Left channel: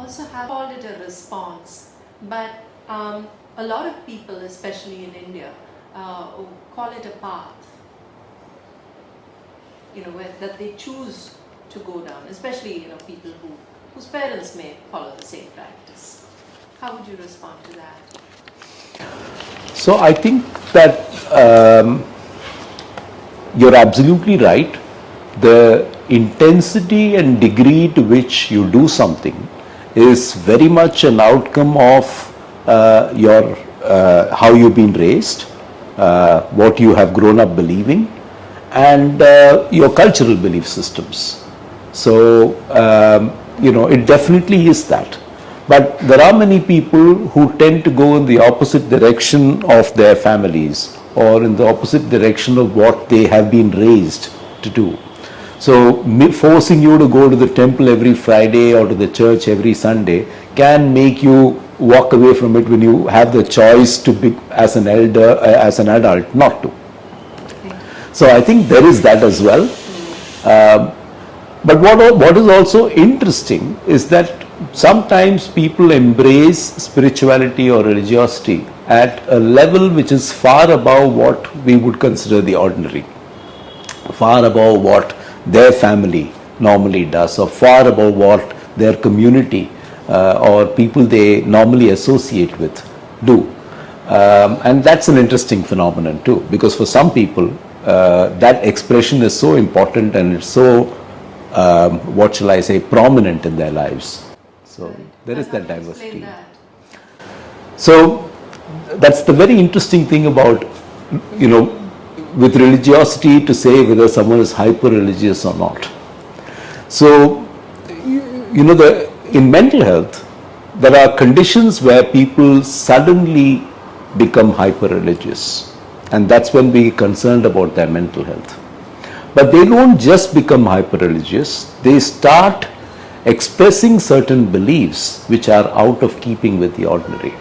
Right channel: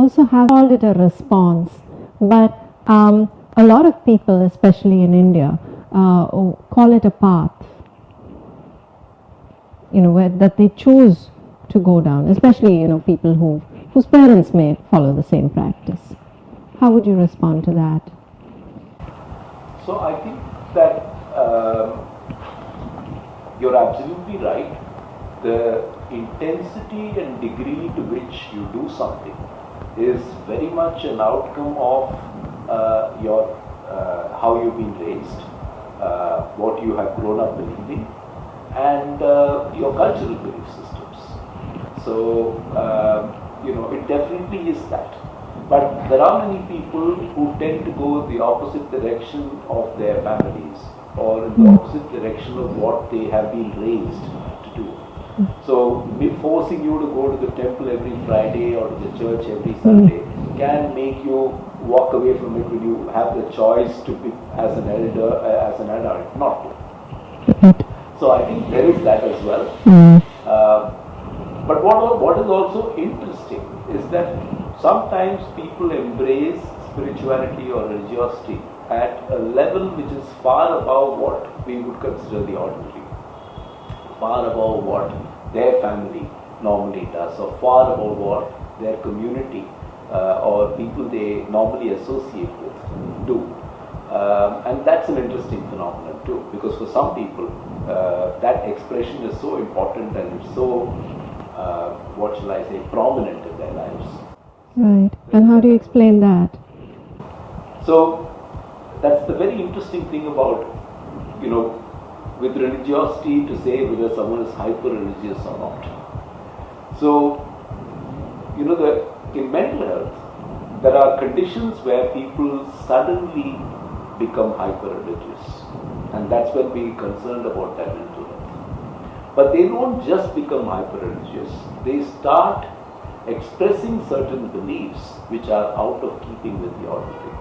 also have called it a response, but a lot of people, especially in India, call it a path, that they choose to go down, especially, people whose parents may follow the same practice. How would you respond to that? So I think that you're absolutely right. The intensity and degree to which you do something is very much an outcome of your how you've been raised, what you have grown up believing, and your cultural belief systems. So it definitely is that. But there are many people who tend to go in the opposite direction of their families, or in the opposite direction of what they have been raised to do. So forcing you to go to the temple every Friday or to the church every Sunday can make you walk away from it when you have the choice to be, as an adult, not to. So I think there is that as well. But what is also interesting is that sometimes people embrace spirituality or religiosity at a level which is far above what we would consider the ordinary, far above what their family normally does, or far above what their community or people they normally associate with do. And that's an interesting phenomenon too, because for some people that expression is so important and it's so, what shall I say, prominent in their lives. So right. And how do you explain that? So that's the very interesting thing about, with religiosity, to say whether someone is hyper-religious or not. So, in mental health, there are conditions where people suddenly become hyper-religious, and that's when we're concerned about their mental health. But they don't just become hyper-religious, they start expressing certain beliefs which are out of keeping with the ordinary.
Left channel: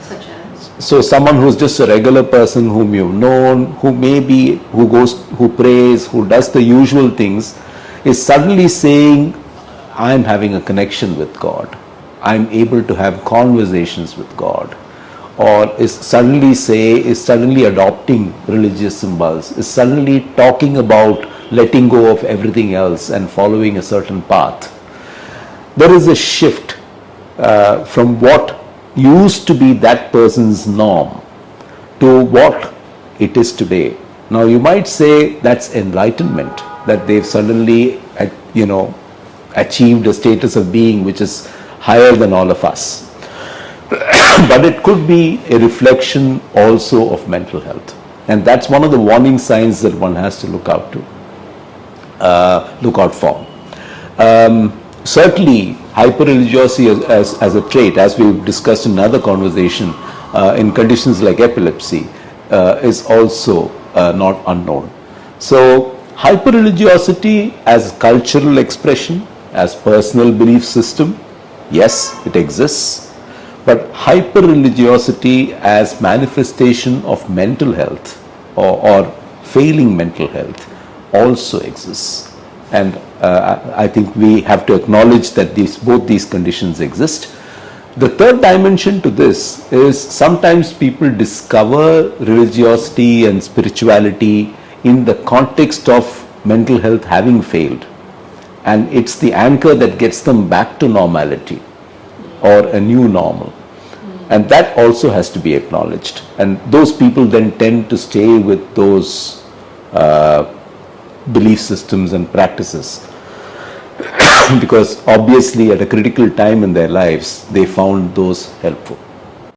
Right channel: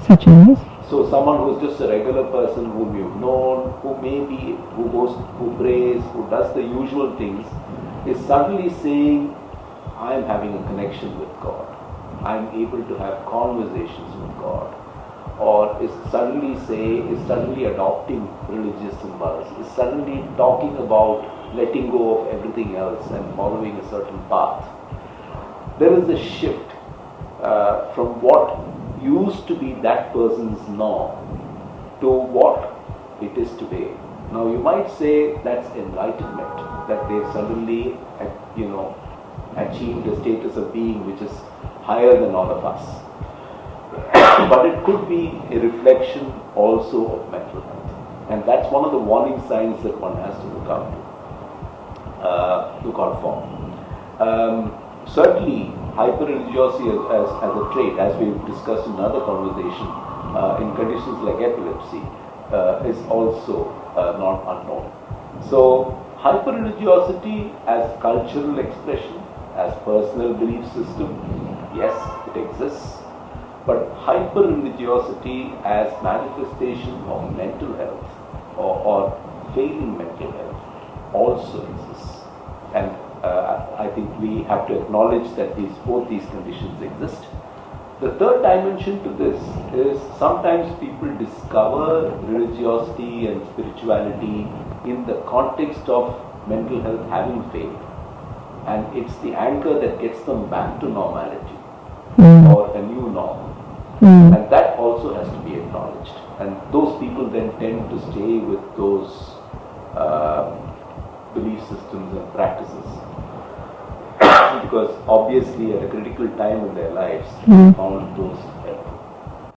Such as? So someone who's just a regular person whom you've known, who prays, who does the usual things, is suddenly saying, I'm having a connection with God. I'm able to have conversations with God. Or is suddenly adopting religious symbols, is suddenly talking about letting go of everything else and following a certain path. There is a shift from what used to be that person's norm to what it is today. Now you might say that's enlightenment, that they've suddenly achieved a status of being which is higher than all of us. But it could be a reflection also of mental health, and that's one of the warning signs that one has to look out for. Certainly, hyper-religiosity as a trait, as we've discussed in another conversation, in conditions like epilepsy, is also not unknown. So, hyper-religiosity as cultural expression, as personal belief system, yes, it exists. But hyper-religiosity as manifestation of mental health or failing mental health also exists. And I think we have to acknowledge that both these conditions exist. The third dimension to this is sometimes people discover religiosity and spirituality in the context of mental health having failed. And it's the anchor that gets them back to normality or a new normal. And that also has to be acknowledged. And those people then tend to stay with those belief systems and practices because obviously at a critical time in their lives they found those helpful.